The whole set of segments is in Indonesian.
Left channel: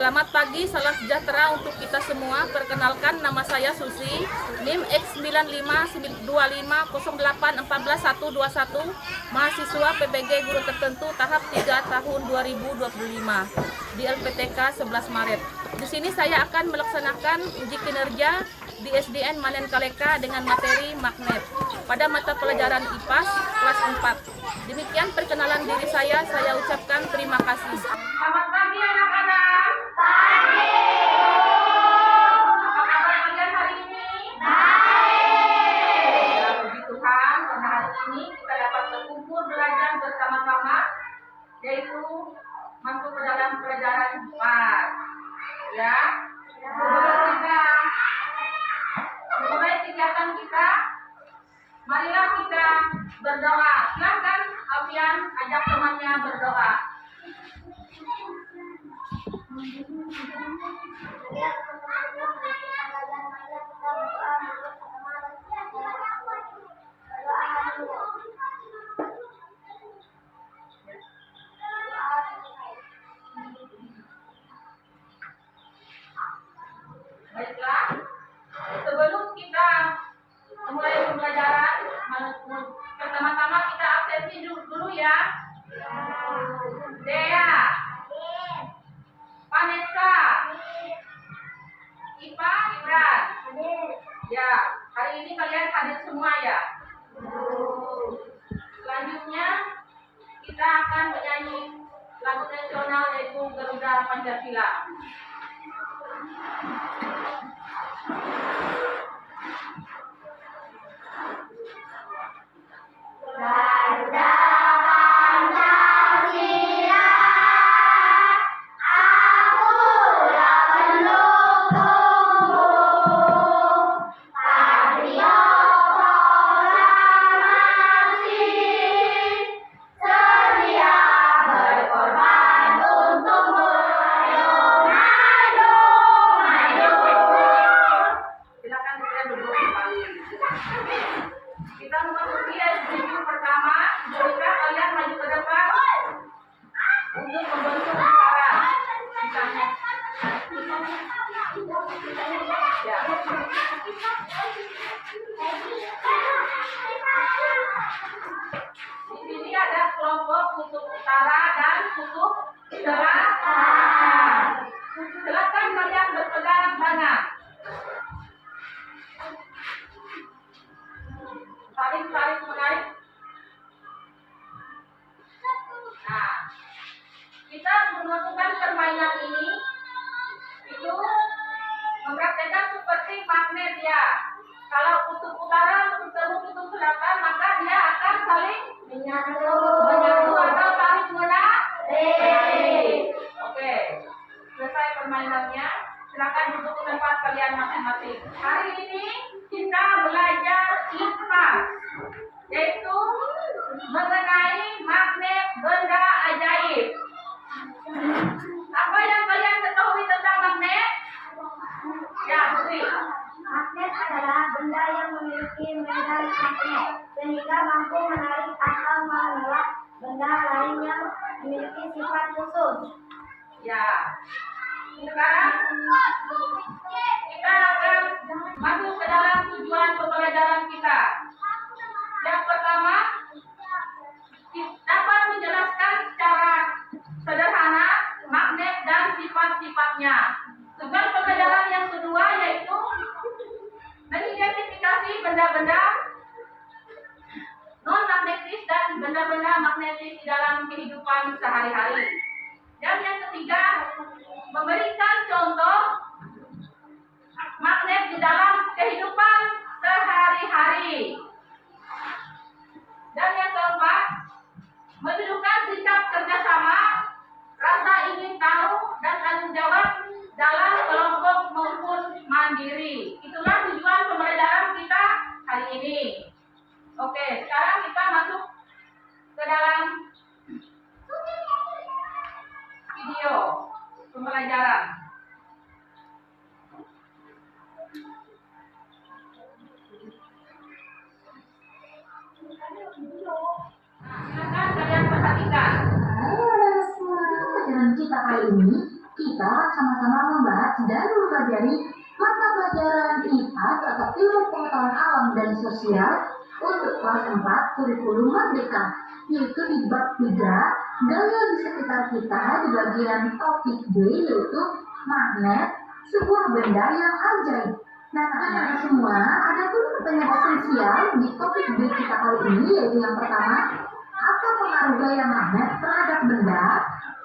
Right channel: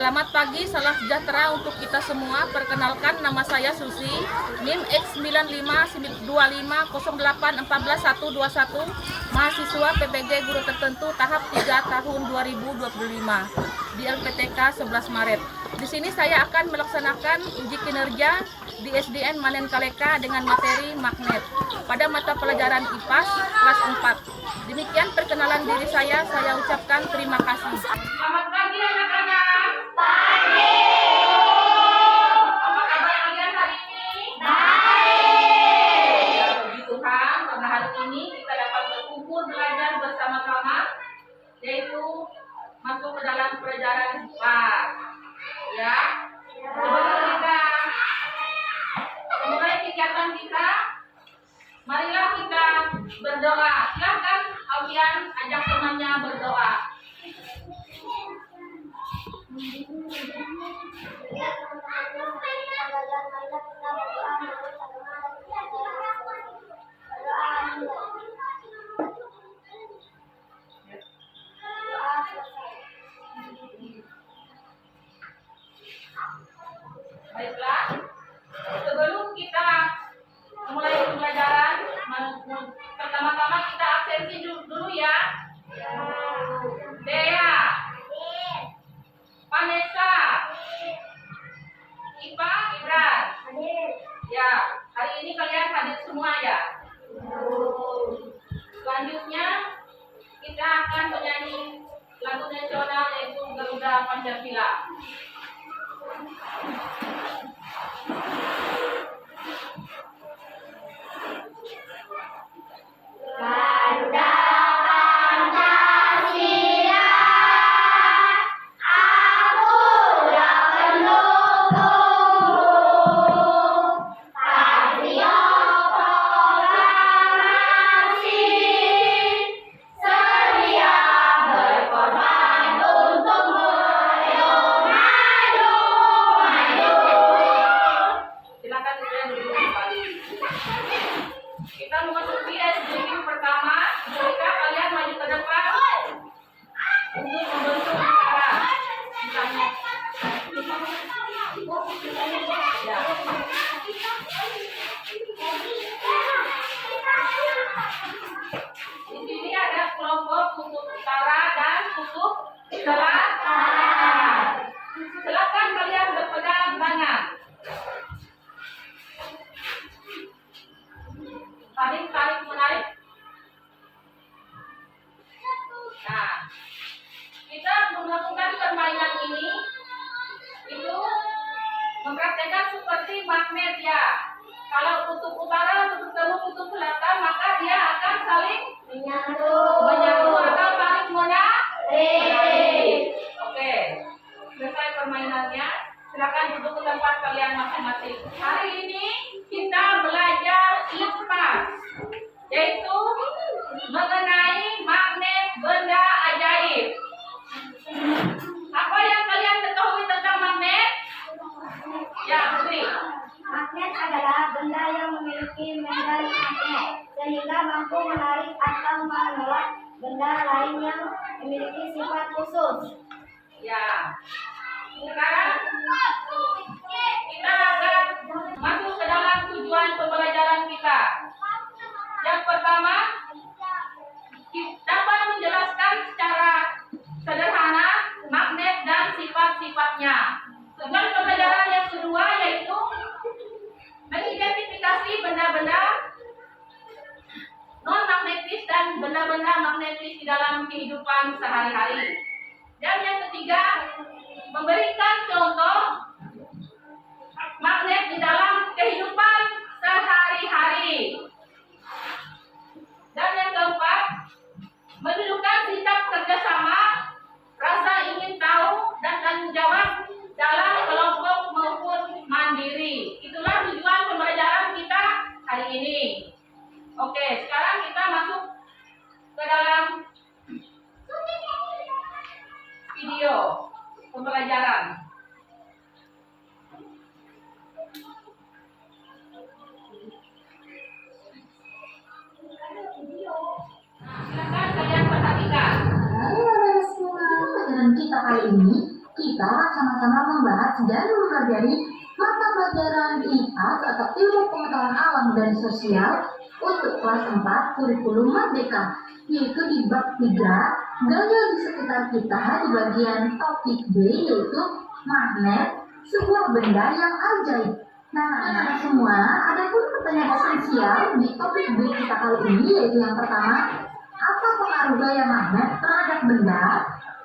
Selamat pagi, salam sejahtera untuk kita semua. Perkenalkan, nama saya Susi, NIM X952508141121, mahasiswa PBG Guru Tertentu tahap 3 tahun 2025 di LPTK 11 Maret. Di sini saya akan melaksanakan uji kinerja di SDN Manen Kaleka dengan materi magnet pada mata pelajaran IPAS kelas 4. Demikian perkenalan diri saya ucapkan terima kasih. Selamat pagi anak-anak. Apa kabar kalian hari ini? Baik. Ya, puji Tuhan, karena hari ini kita dapat berkumpul belajar bersama-sama, yaitu masuk ke dalam pelajaran IPAS. Ya. Sebelum kita memulai kegiatan kita, marilah kita berdoa. Silakan kalian ajak temannya berdoa. Baiklah, sebelum kita mulai pembelajaran, pertama-tama kita absensi dulu ya. Dea, Vanessa, Ipa, Ibran. Ya, hari ini kalian hadir semua ya. Selanjutnya kita akan menyanyi lagu nasional yaitu Garuda Pancasila. Garuda Pancasila, aku yang pendukung patriot proklamasi, sedia berkorban untukmu. Maju, maju. Silakan kalian duduk kembali. Kita memasuki SDQ pertama. Jika kalian maju ke depan untuk membentuk lingkaran. Misalnya. Ya. Di sini ada kelompok kutub utara dan kutub selatan. Silakan kalian berpegang tangan. Tarik menarik. Nah, kita melakukan permainan ini itu mempraktekkan seperti magnet ya. Kalau kutub utara bertemu kutub selatan, maka dia akan saling menyatu atau tarik menarik. Oke, selesai permainannya. Silakan duduk ke tempat kalian masing-masing. Hari ini kita belajar IPAS, yaitu mengenai magnet benda ajaib. Apa yang kalian ketahui tentang magnet? Ya, Putri. Magnet adalah benda yang memiliki medan magnet sehingga mampu menarik atau menolak benda lain yang memiliki sifat khusus. Ya. Sekarang kita akan masuk ke dalam tujuan pembelajaran kita. Yang pertama, dapat menjelaskan secara sederhana magnet dan sifat-sifatnya. Tujuan pembelajaran yang kedua yaitu mengidentifikasi benda-benda non-magnetis dan benda-benda magnetis di dalam kehidupan sehari-hari. Dan yang ketiga, memberikan contoh magnet di dalam kehidupan sehari-hari. Dan yang keempat, menunjukkan sikap kerjasama, rasa ingin tahu, dan tanggung jawab dalam kelompok maupun mandiri. Itulah tujuan pembelajaran kita hari ini. Oke, sekarang kita masuk ke dalam video pembelajaran. Nah, silakan kalian perhatikan. Halo anak semua, pelajaran kita kali ini kita akan sama-sama membahas dan mempelajari mata pelajaran IPAS atau Ilmu Pengetahuan Alam dan Sosial untuk kelas 4 kurikulum Merdeka, yaitu di bab 3 gaya di sekitar kita di bagian topik B, yaitu magnet, sebuah benda yang ajaib. Nah, anak-anak semua, ada pun pertanyaan esensial di topik B kita kali ini, yaitu yang pertama, apa pengaruh gaya magnet terhadap benda?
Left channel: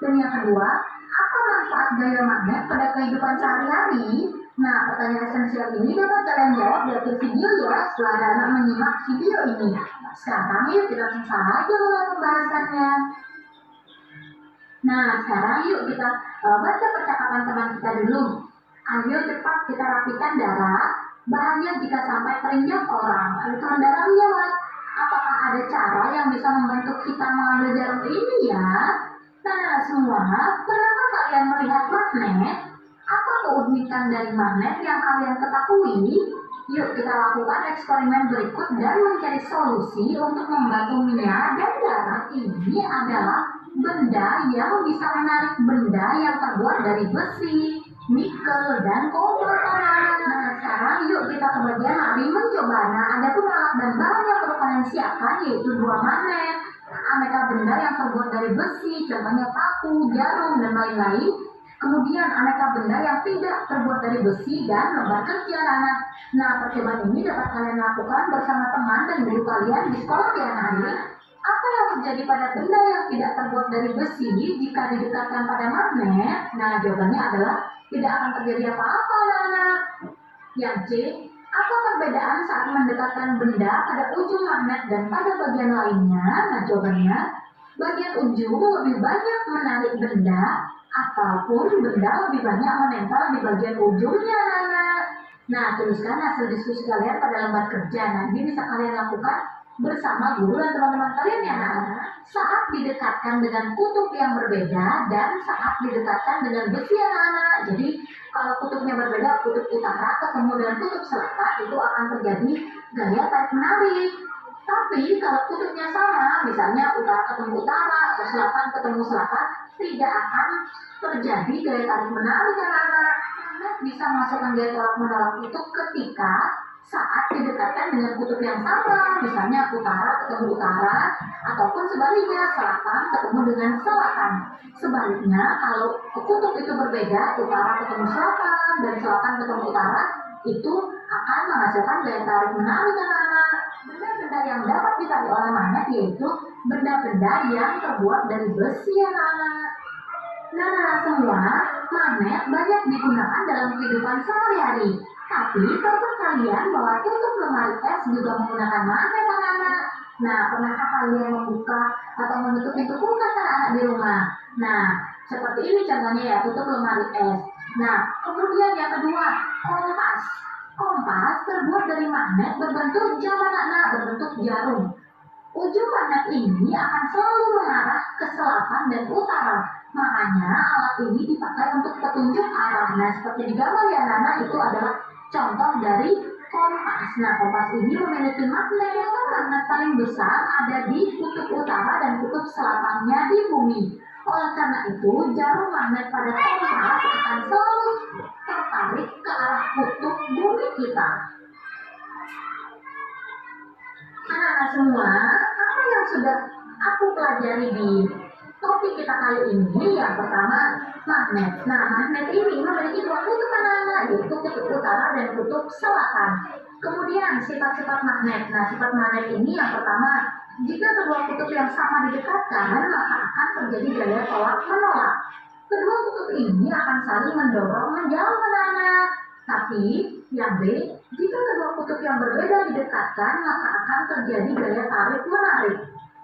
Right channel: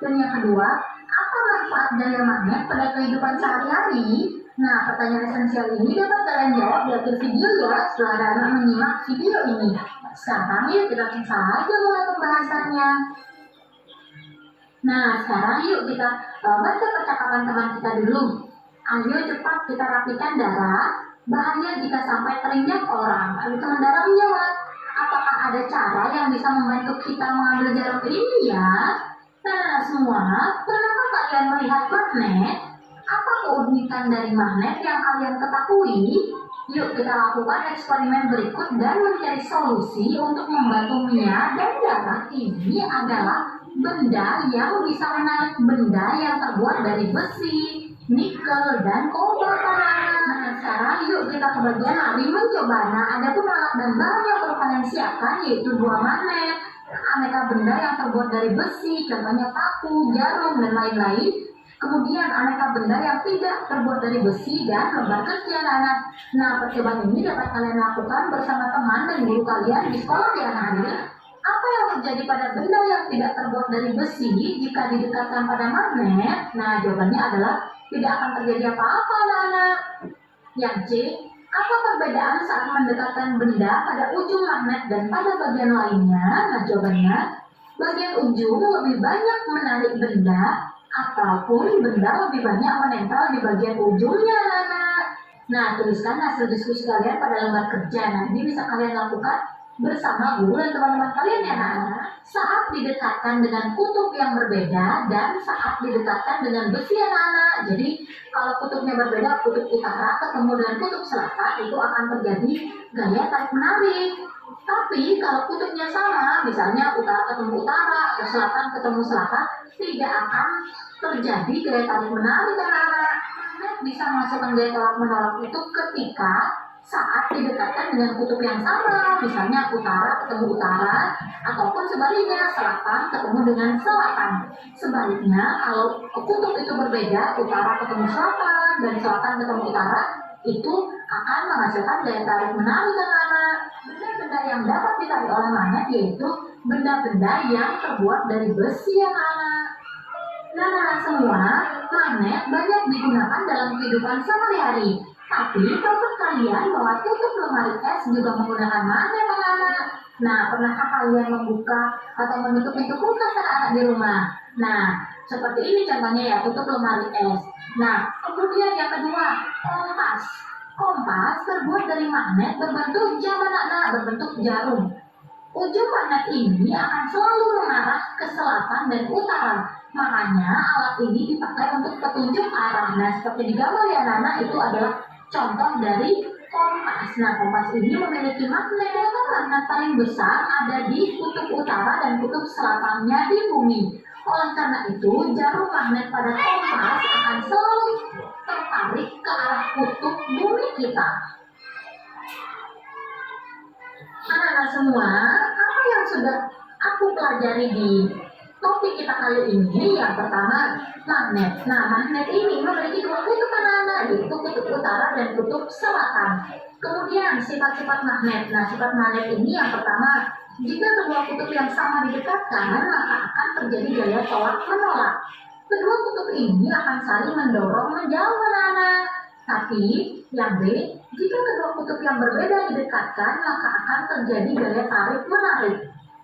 Dan yang kedua, apa manfaat gaya magnet pada kehidupan sehari-hari? Nah, pertanyaan esensial ini dapat kalian jawab di akhir video ya, setelah anak-anak menyimak video ini. Sekarang yuk kita langsung saja mulai pembahasannya. Nah, sekarang yuk kita baca percakapan teman kita dulu. Ayo cepat kita rapikan darah. Bahaya jika sampai terinjak orang. Ayo teman darah menjawab. Apakah ada cara yang bisa membantu kita mengambil jarum ini ya? Nah, semua, pernahkah kalian melihat magnet? Apa keunikan dari magnet yang kalian ketahui? Yuk kita lakukan eksperimen berikut dan mencari solusi untuk membantu Mia dan darah. Ini adalah benda yang bisa menarik benda yang terbuat dari besi, nikel, dan kobalt. Nah, sekarang yuk kita ke bagian lari mencoba. Nah, ada pun alat dan bahan yang perlu kalian siapkan, yaitu 2 magnet, aneka benda yang terbuat dari besi, contohnya paku, jarum, dan lain-lain. Kemudian aneka benda yang tidak terbuat dari besi dan lembar kerja anak. Nah, percobaan ini dapat kalian lakukan bersama teman dan guru kalian di sekolah ya anak. Apa yang terjadi pada benda yang tidak terbuat dari besi jika didekatkan pada magnet? Nah, jawabannya adalah tidak akan terjadi apa-apa anak-anak. Yang C, apa perbedaan saat mendekatkan benda pada ujung magnet dan pada bagian lainnya? Nah, jawabannya, bagian ujung lebih banyak menarik benda ataupun benda lebih banyak menempel di bagian ujungnya anak-anak. Nah, tuliskan hasil diskusi kalian pada lembar kerja. Nanti bisa kalian lakukan bersama guru dan teman-teman kalian ya anak-anak. Saat didekatkan dengan kutub yang berbeda dan saat didekatkan dengan besi anak-anak. Jadi kalau kutubnya berbeda, kutub utara ketemu dengan kutub selatan, itu akan terjadi gaya tarik menarik. Tapi kalau kutubnya sama, misalnya utara ketemu utara atau selatan ketemu selatan, tidak akan terjadi gaya tarik menarik anak-anak. Magnet bisa menghasilkan gaya tolak menolak itu ketika saat didekatkan dengan kutub yang sama, misalnya utara ketemu utara, ataupun sebaliknya selatan ketemu dengan selatan. Sebaliknya, kalau kutub itu berbeda, utara ketemu selatan dan selatan ketemu utara, itu akan menghasilkan daya tarik menarik anak-anak. Benda-benda yang dapat ditarik oleh magnet yaitu benda-benda yang terbuat dari besi anak-anak. Nah, semua, magnet banyak digunakan dalam kehidupan sehari-hari. Tapi, tahukah kalian bahwa tutup lemari es juga menggunakan magnet anak-anak? Nah, pernahkah kalian membuka atau menutup pintu kulkas anak-anak di rumah? Nah, seperti ini contohnya ya, tutup lemari es. Nah, kemudian yang kedua, kompas. Kompas terbuat dari magnet berbentuk jam anak-anak, berbentuk jarum. Ujung magnet ini akan selalu mengarah ke selatan dan utara. Makanya alat ini dipakai untuk petunjuk arah. Nah, seperti di gambar ya anak-anak, itu adalah contoh dari kompas. Nah, kompas ini memiliki magnet. Magnet paling besar ada di kutub utara dan kutub selatannya di bumi. Oleh karena itu, jarum magnet pada kompas akan selalu tertarik ke arah kutub bumi kita. Anak-anak semua, apa yang sudah aku pelajari di topik kita kali ini? Yang pertama, magnet. Nah, magnet ini memiliki 2 kutub anak-anak, yaitu kutub utara dan kutub selatan. Kemudian, sifat-sifat magnet. Nah, sifat magnet ini yang pertama, jika kedua kutub yang sama didekatkan, maka akan terjadi gaya tolak menolak. Kedua kutub ini akan saling mendorong menjauh anak-anak. Tapi, yang B, jika kedua kutub yang berbeda didekatkan, maka akan terjadi gaya tarik menarik.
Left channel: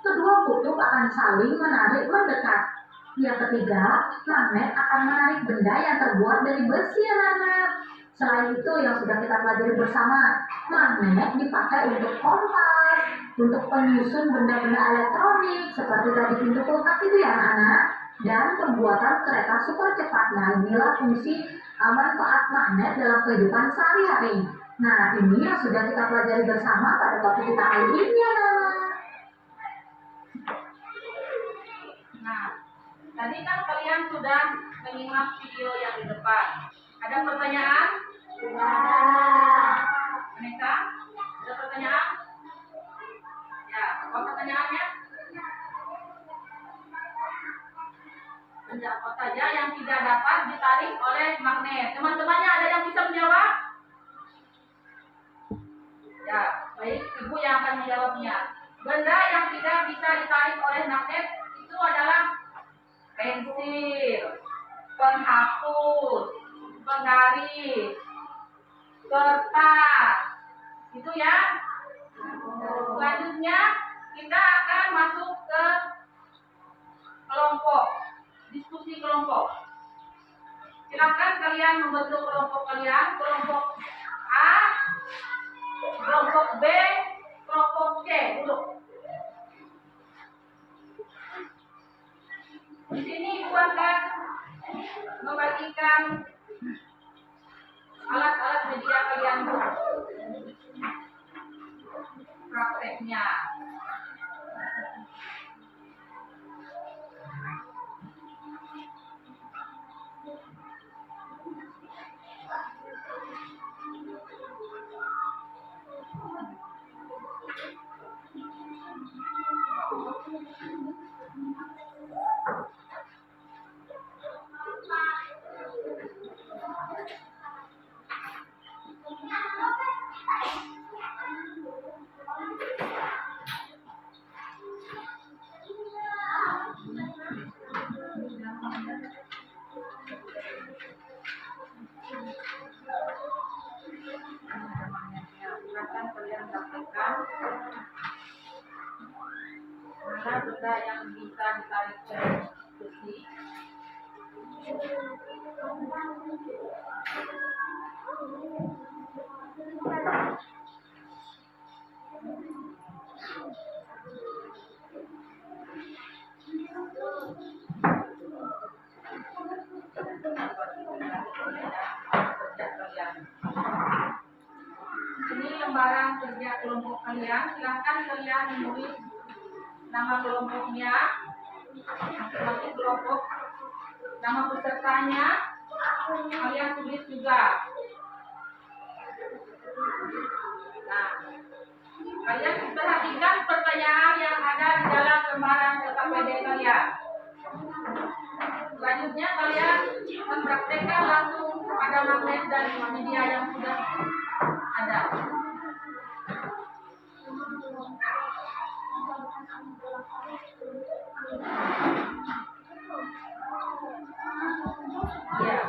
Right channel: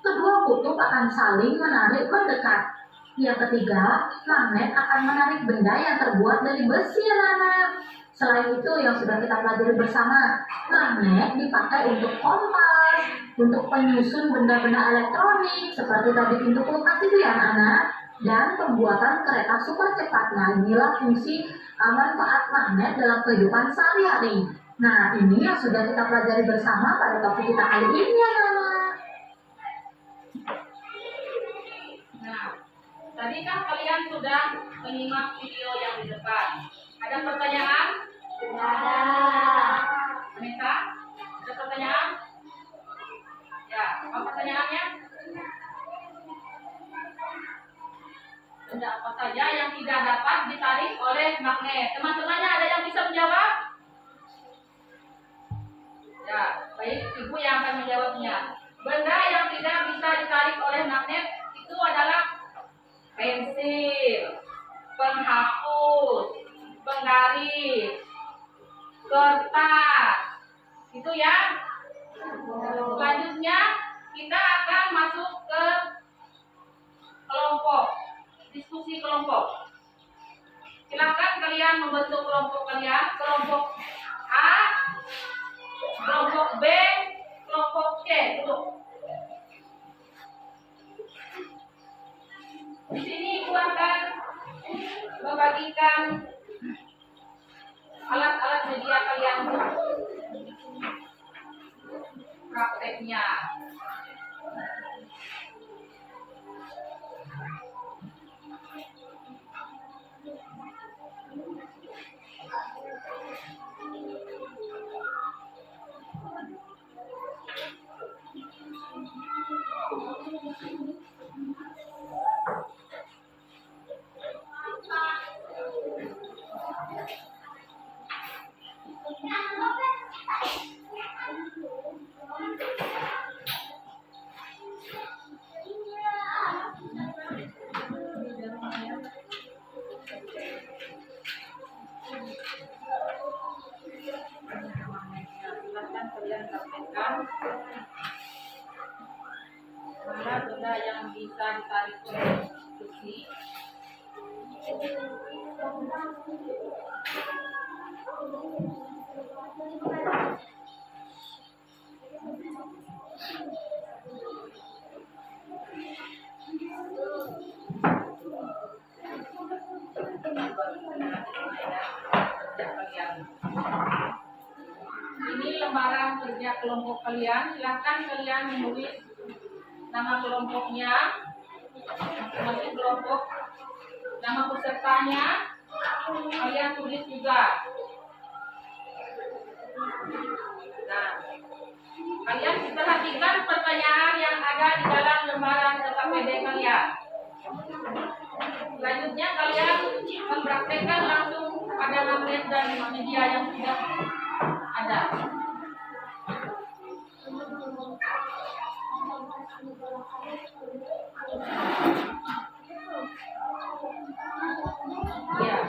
Kedua kutub akan saling menarik mendekat. Yang ketiga, magnet akan menarik benda yang terbuat dari besi anak-anak. Selain itu yang sudah kita pelajari bersama, magnet dipakai untuk kompas, untuk penyusun benda-benda elektronik seperti tadi pintu kulkas itu ya anak-anak, dan pembuatan kereta super cepat. Nah, inilah fungsi manfaat magnet dalam kehidupan sehari-hari. Nah, ini yang sudah kita pelajari bersama pada topik kita kali ini anak-anak. Nah, kita Tadi kan kalian sudah menyimak video yang di depan. Ada pertanyaan? Tidak. Anissa, ada pertanyaan? Ya, apa pertanyaannya? Benda apa saja yang tidak dapat ditarik oleh magnet? Teman-temannya ada yang bisa menjawab? Ya, baik, Ibu yang akan menjawabnya. Benda yang tidak bisa ditarik oleh magnet itu adalah pensil, penghapus, penggaris, kertas. Itu ya. Selanjutnya kita akan masuk ke kelompok, diskusi kelompok. Silakan kalian membentuk kelompok kalian, kelompok A, kelompok B, kelompok C. Duduk. Di sini Ibu akan membagikan alat-alat media kalian prakteknya. Silakan kalian praktekkan mana benda yang bisa ditarik oleh besi. Ini lembaran kerja kelompok kalian. Silahkan kalian menulis nama kelompoknya, masing-masing kelompok, nama pesertanya, kalian tulis juga. Nah, kalian perhatikan pertanyaan yang ada di dalam lembaran KKPD kalian. Selanjutnya kalian mempraktekkan langsung pada magnet dan media yang sudah ada. Ya.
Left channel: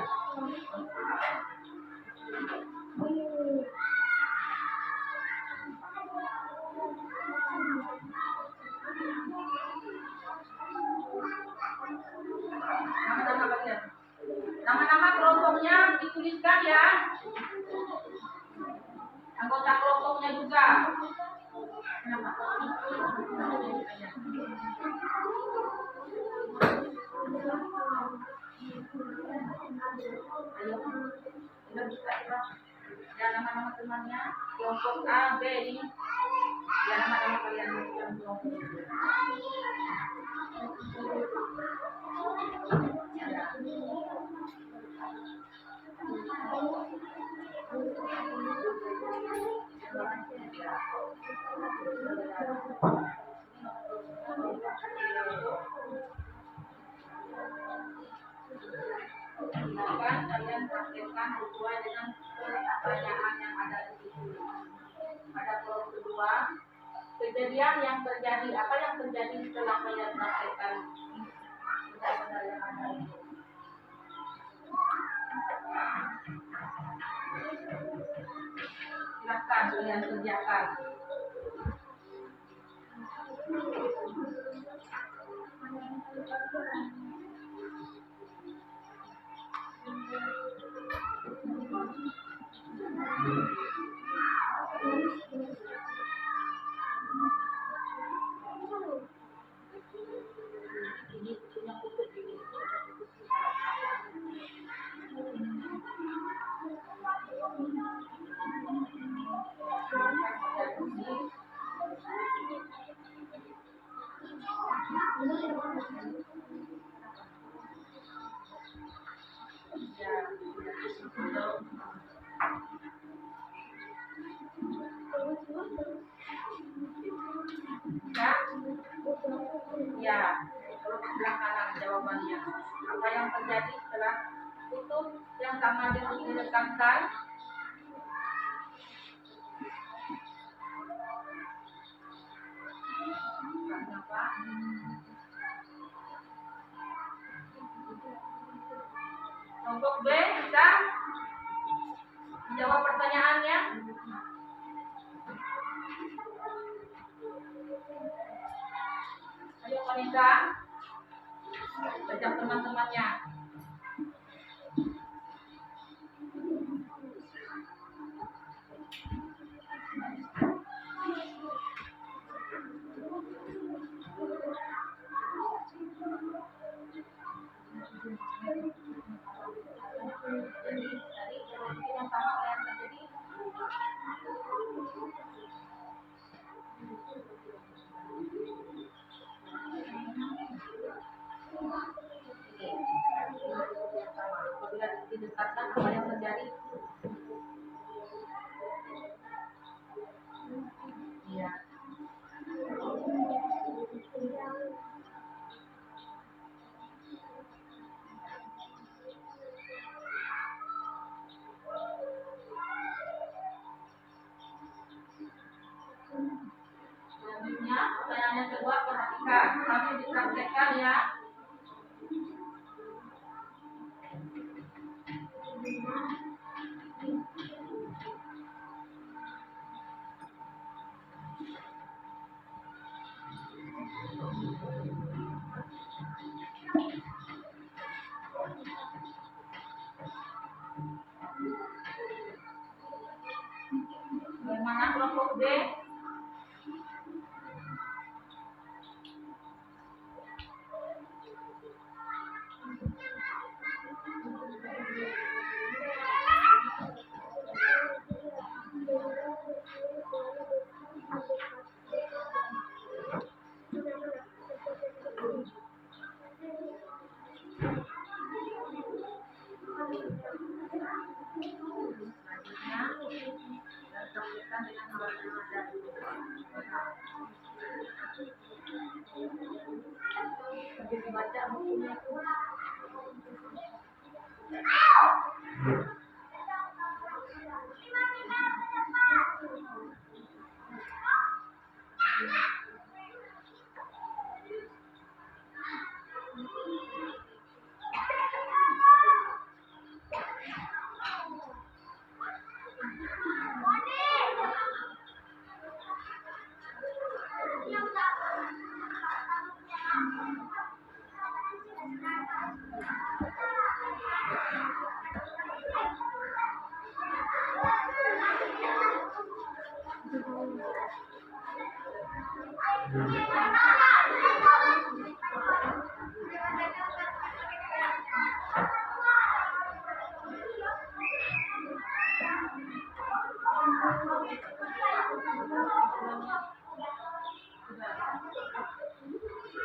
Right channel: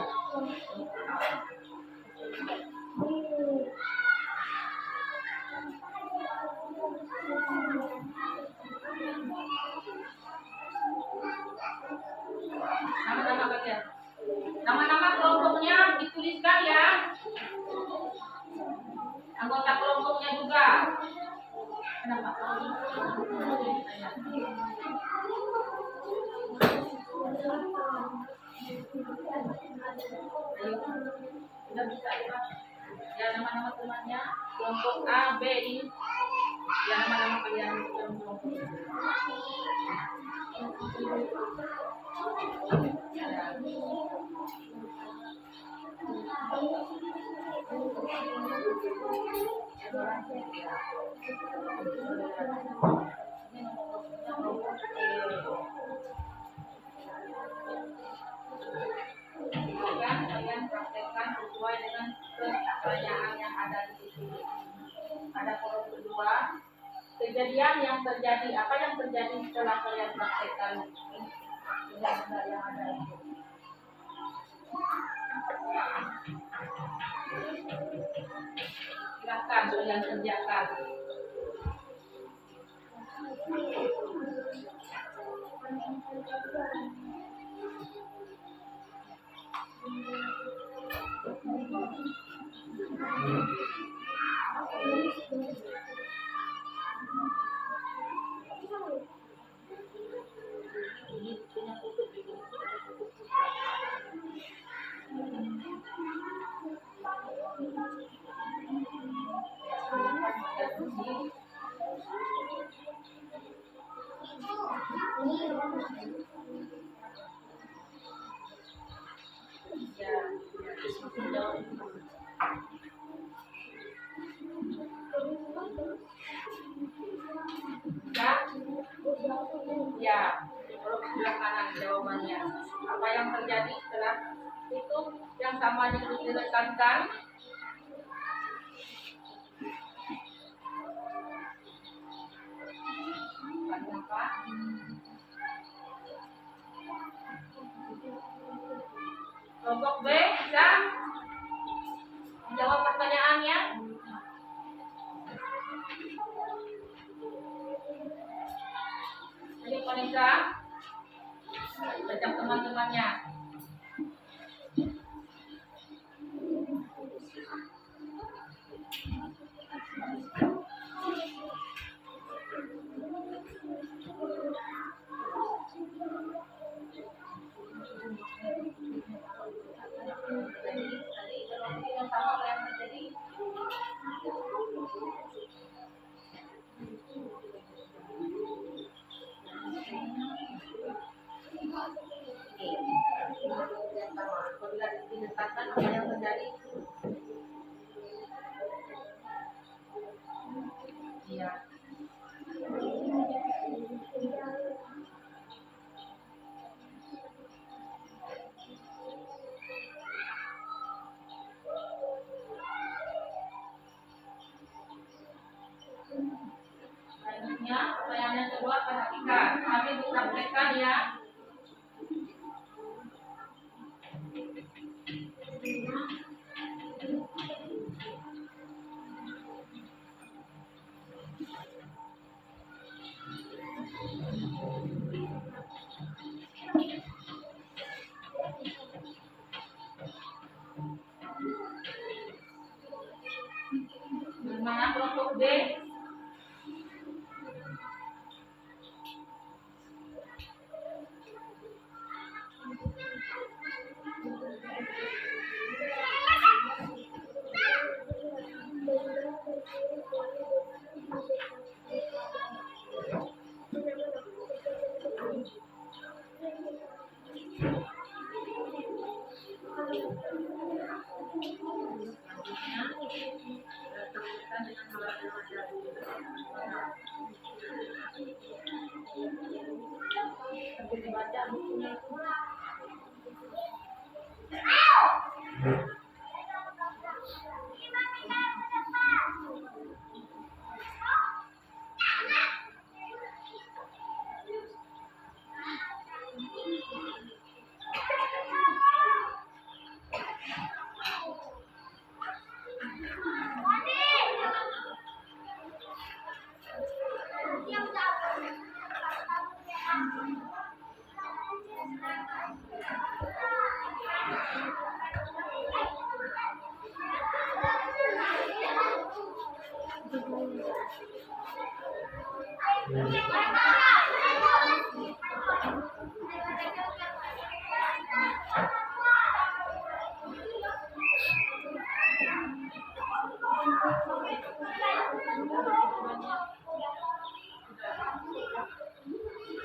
Nama-nama kalian. Nama-nama kelompoknya dituliskan ya. Anggota kelompoknya juga. Kenapa? Ayo, udah bisa ya. Ya, nama-nama temannya, kelompok A, B ini. Ya, nama-nama kalian dalam kelompok. Ya. Silakan kalian praktekkan sesuai dengan pertanyaan yang ada di situ. Pada kolom kedua, kejadian yang terjadi, apa yang terjadi setelah kalian praktekkan benda-benda yang ada itu. Silakan kalian kerjakan. yang sama direkatkan. Kenapa? Kelompok B bisa menjawab pertanyaannya. Ayo Vanessa, ajak teman-temannya. Yang sama apa yang terjadi? Apabila didekatkan apa yang terjadi? Iya. Selanjutnya, pertanyaan yang kedua, perhatikan. Kami disampaikan ya. Bagaimana kelompok B? Sambil dibaca bukunya itu.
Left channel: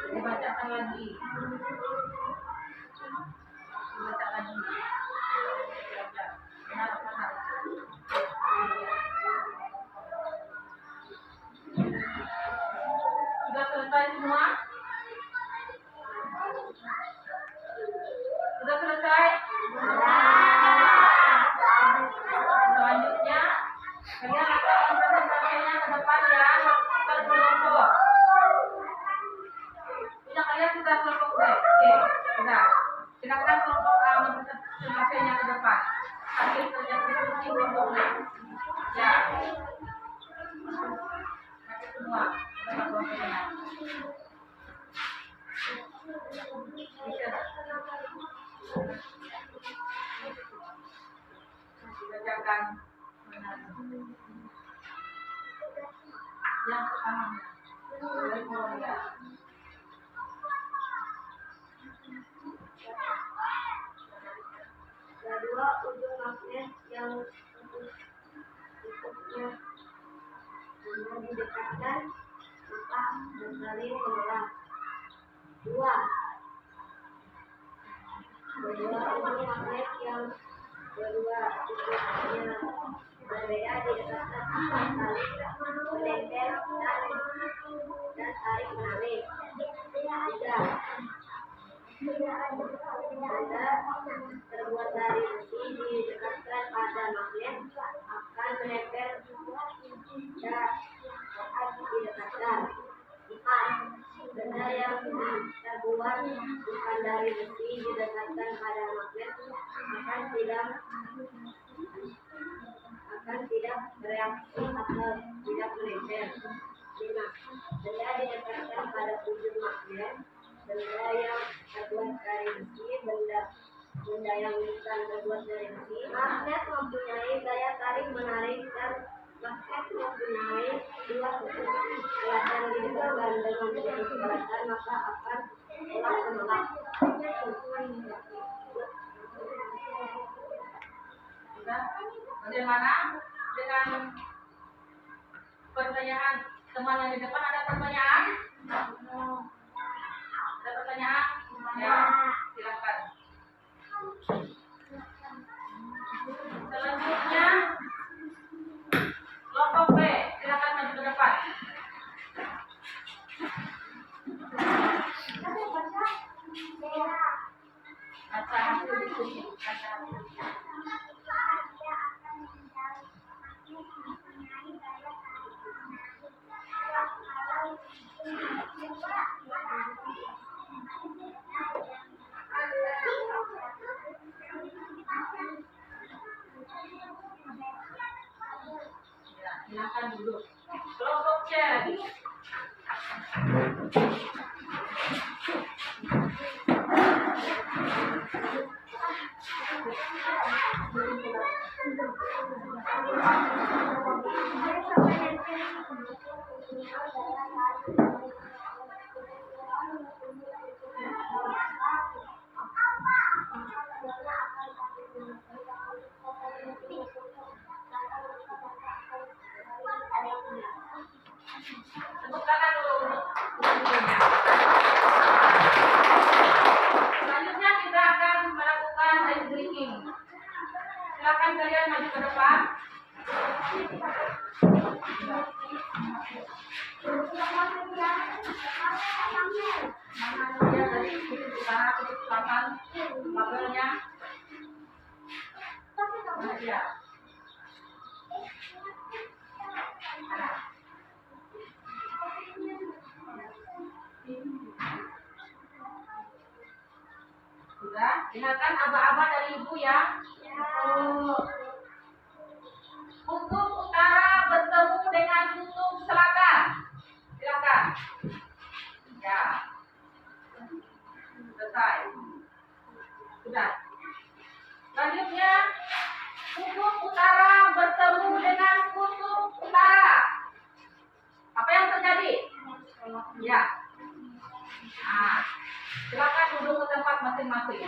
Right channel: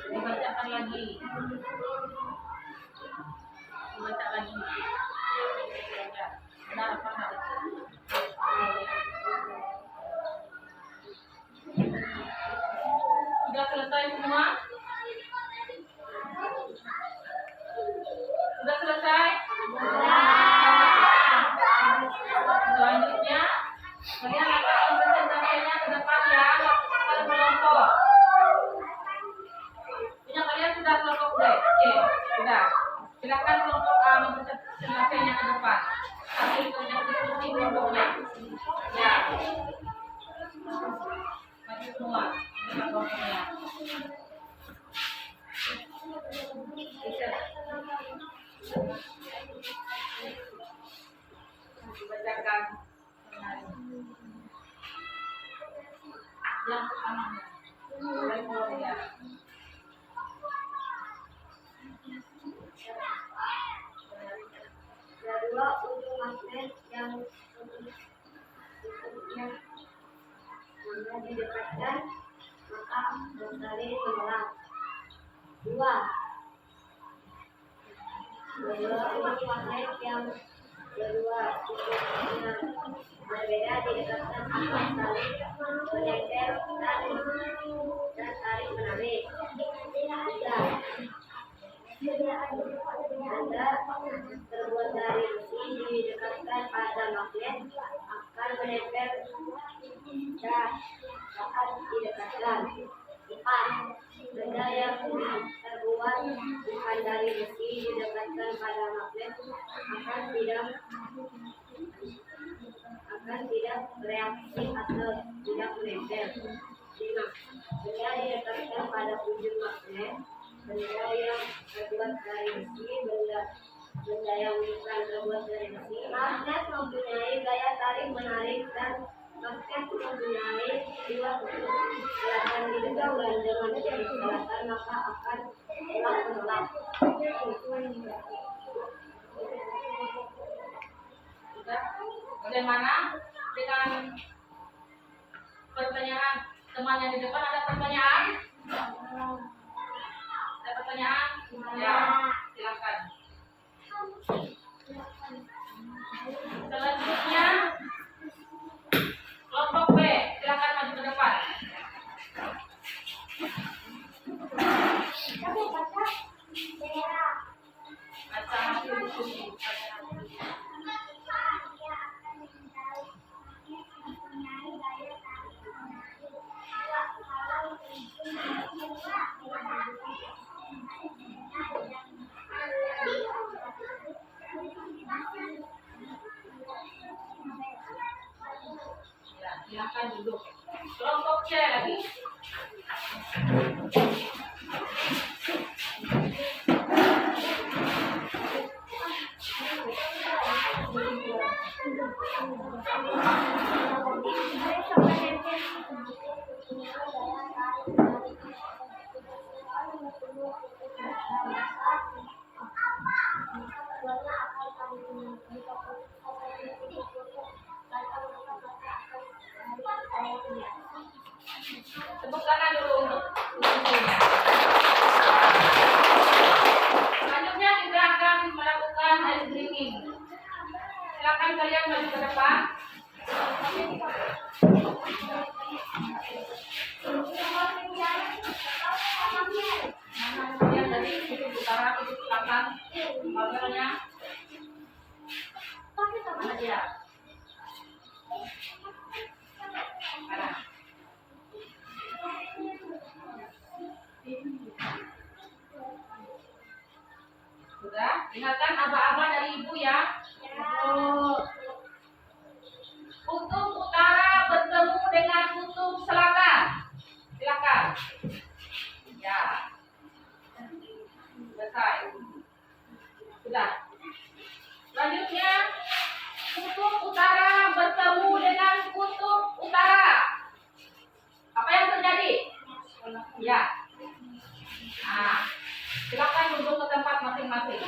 Dibacakan lagi. Dibaca lagi. Benar apa harus? Sudah selesai semua? Sudah selesai? Selanjutnya, kalian akan mempresentasikannya ke depan ya, ke kelompok. Punya kalian sudah kelompok B? Oke, sudah. Silakan kelompok A mempresentasikannya ke depan. Hasil kerja diskusi kelompoknya. Ya. Maju semua, ke kelompoknya. Dibacakan yang pertama mulai ya. Kedua, ujung magnet yang tutupnya mana didekatkan maka saling menolak. Dua, ujung magnet yang kedua tutupnya berbeda didekatkan akan saling menempel dan saling menarik. Tiga, benda terbuat dari besi magnet akan menempel saat didekatkan. 4. Benda yang terbuat bukan dari besi didekatkan pada magnet akan tidak bereaksi atau tidak menempel. 5. Benda didekatkan pada ujung magnet. Benda yang terbuat dari besi, benda yang bukan terbuat dari besi. Magnet mempunyai gaya tarik menarik dan magnet mempunyai dua kutub selatan didekat dan dengan kutub selatan maka akan tolak menolak. Sudah? Bagaimana dengan pertanyaan teman yang di depan? Ada pertanyaan? Ada pertanyaan? Ya, silakan. Selanjutnya kelompok B, silakan maju ke depan. Baca hasil diskusi. Ya, silakan duduk. Kelompok C lagi. Tepuk tangan dulu untuk diskusinya. Selanjutnya kita akan melakukan ice drinking. Silakan kalian maju ke depan. Mana dia dari kutub utara, kutub selatan, kabelnya. Mana dia? Ada. Sudah? Ingatkan aba-aba dari ibu ya. Kutub utara bertemu dengan kutub selatan. Silakan. Ya. Selesai. Sudah. Selanjutnya, kutub utara bertemu dengan kutub utara. Apa yang terjadi? Ya. Nah, silakan duduk ke tempat masing-masing.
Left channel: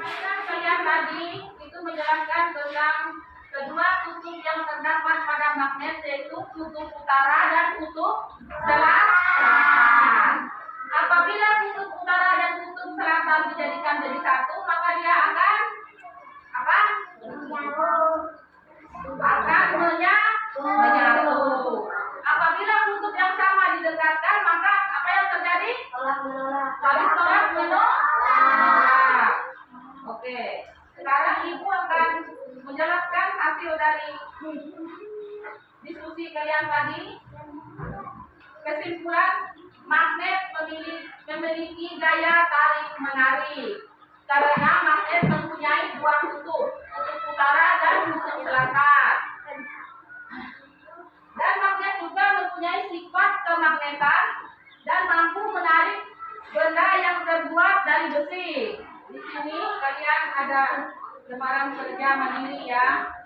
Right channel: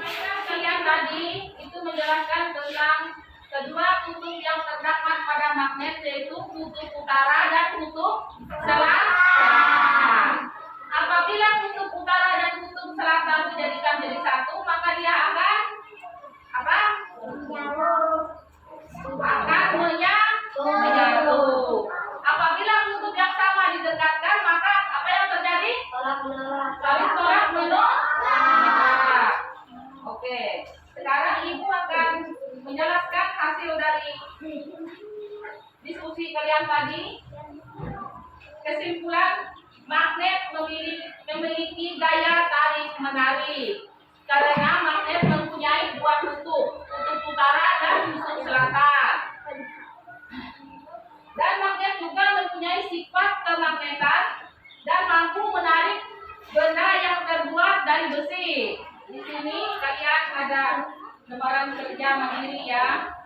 Mainan kalian tadi itu menjelaskan tentang kedua kutub yang terdapat pada magnet, yaitu kutub utara dan kutub selatan. Apabila kutub utara dan kutub selatan dijadikan jadi satu, maka dia akan apa? Akan menyatu. Apabila kutub yang sama didekatkan, maka apa yang terjadi? Saling tolak menolak. Oke, sekarang ibu akan menjelaskan hasil dari diskusi kalian tadi. Kesimpulan, magnet memiliki gaya tarik menarik karena magnet mempunyai dua kutub, kutub utara dan kutub selatan. Dan magnet juga mempunyai sifat kemagnetan dan mampu menarik benda yang terbuat dari besi. Di sini kalian ada lembaran kerja mandiri ya.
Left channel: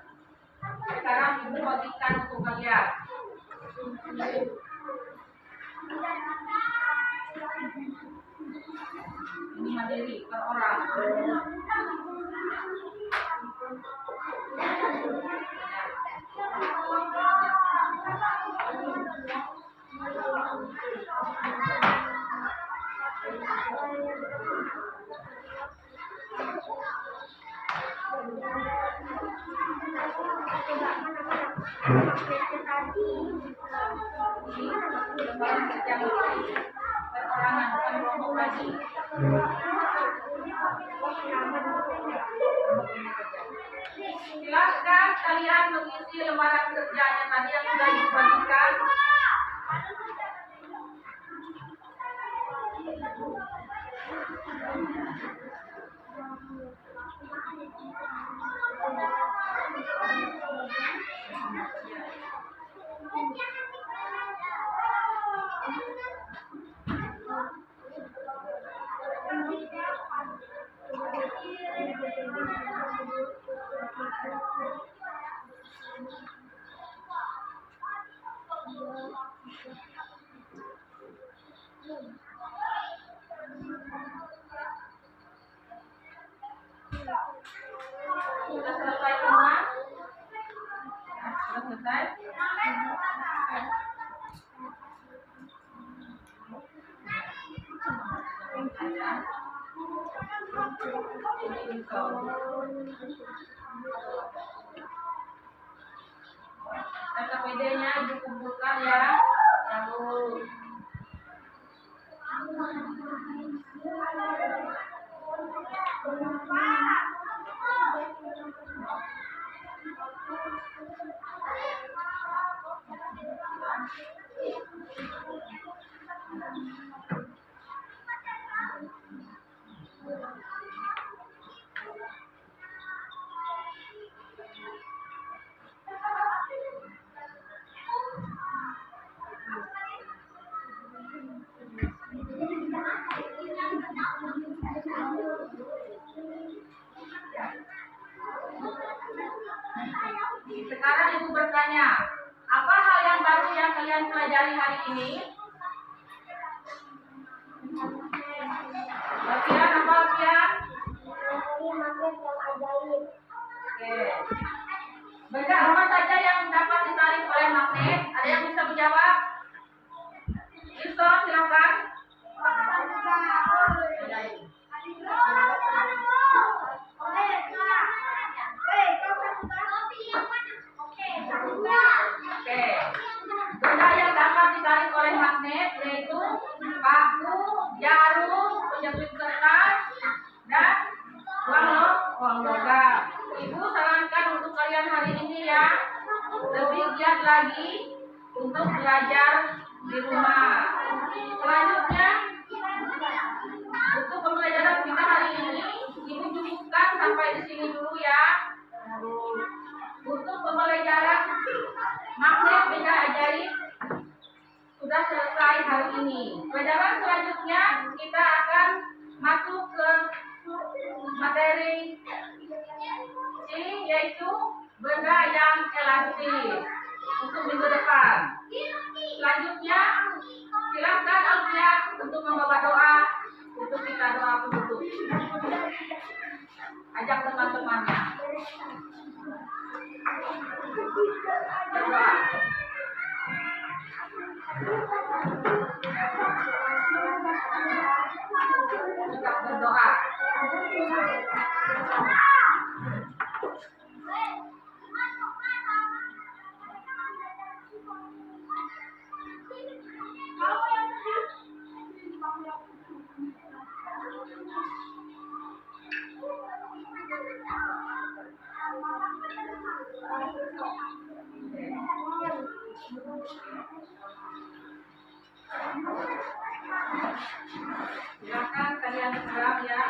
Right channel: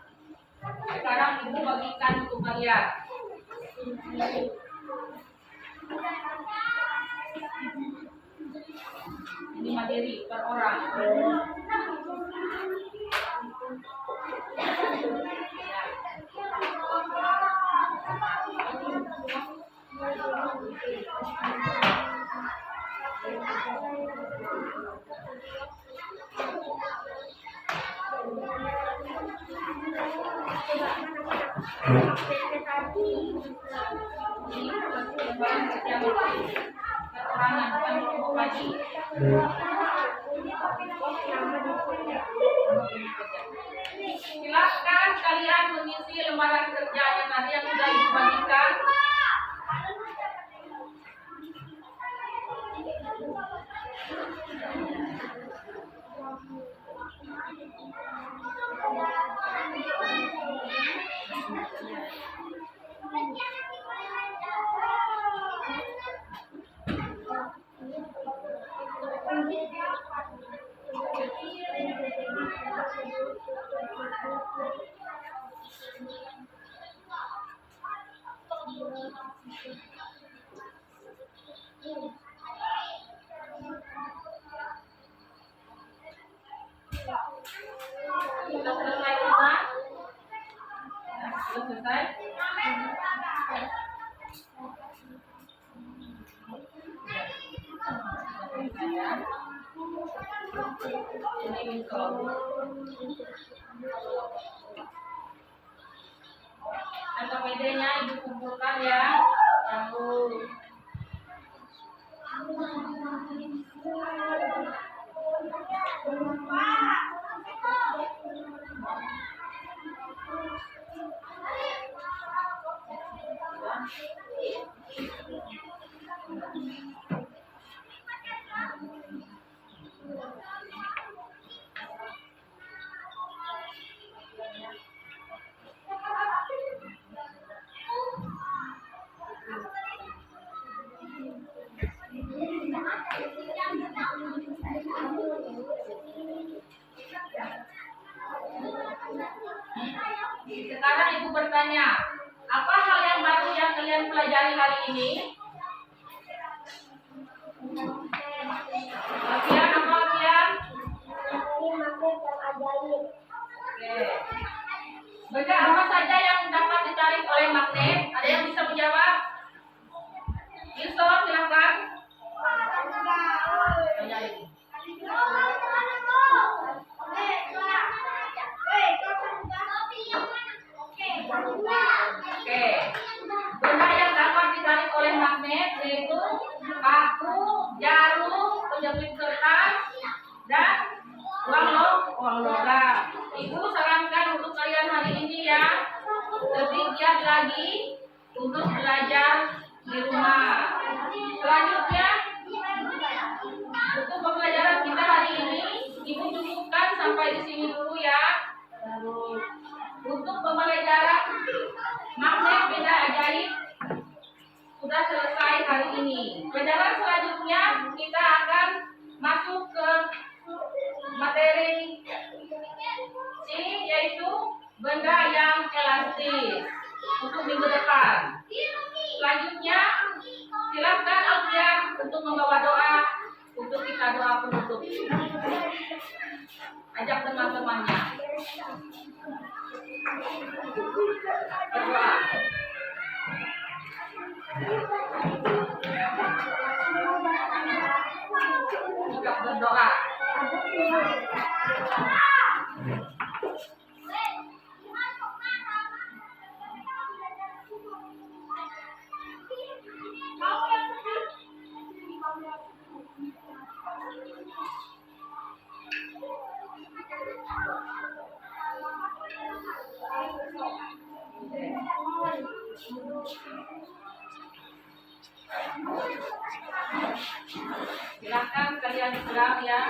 Sekarang ibu bagikan untuk kalian. Ini mandiri per orang. Lembaran kerja mandiri per orang yang bukan kelompok lagi. Silakan kalian mengisi lembaran kerjanya tadi yang sudah ibu bagikan. Sudah selesai semua? Ya, sudah selesai? Ini info. KPD-nya ibu kumpulkan ya. Lalu sekarang ibu bertanya, apa hal yang baru yang kalian pelajari hari ini? Alfian, apa Alfian? Oke. Benda apa saja yang dapat ditarik oleh magnet? Ada yang bisa menjawab? Yusuf, silakan. Ajaib. Oke. Benda yang dapat ditarik oleh magnet yaitu paku, jarum, penjepit kertas, dan uang logam. Ibu sarankan untuk kalian hari ini ya, lebih giat lagi untuk belajar di rumah. Selanjutnya, untuk pembelajaran kita hari ini, ibu cukupkan sampai di sini dulu ya. Untuk pembelajaran magnet benda ajaib sudah selesai hari ini. Pelajaran selanjutnya kita akan masuk ke materi C, yaitu benda yang elastis untuk minggu depan. Selanjutnya silakan Alfian untuk membawa doa untuk kita doa penutup. Ajak teman-temannya berdoa. Kita berdoa. Silakan kalian serang ya.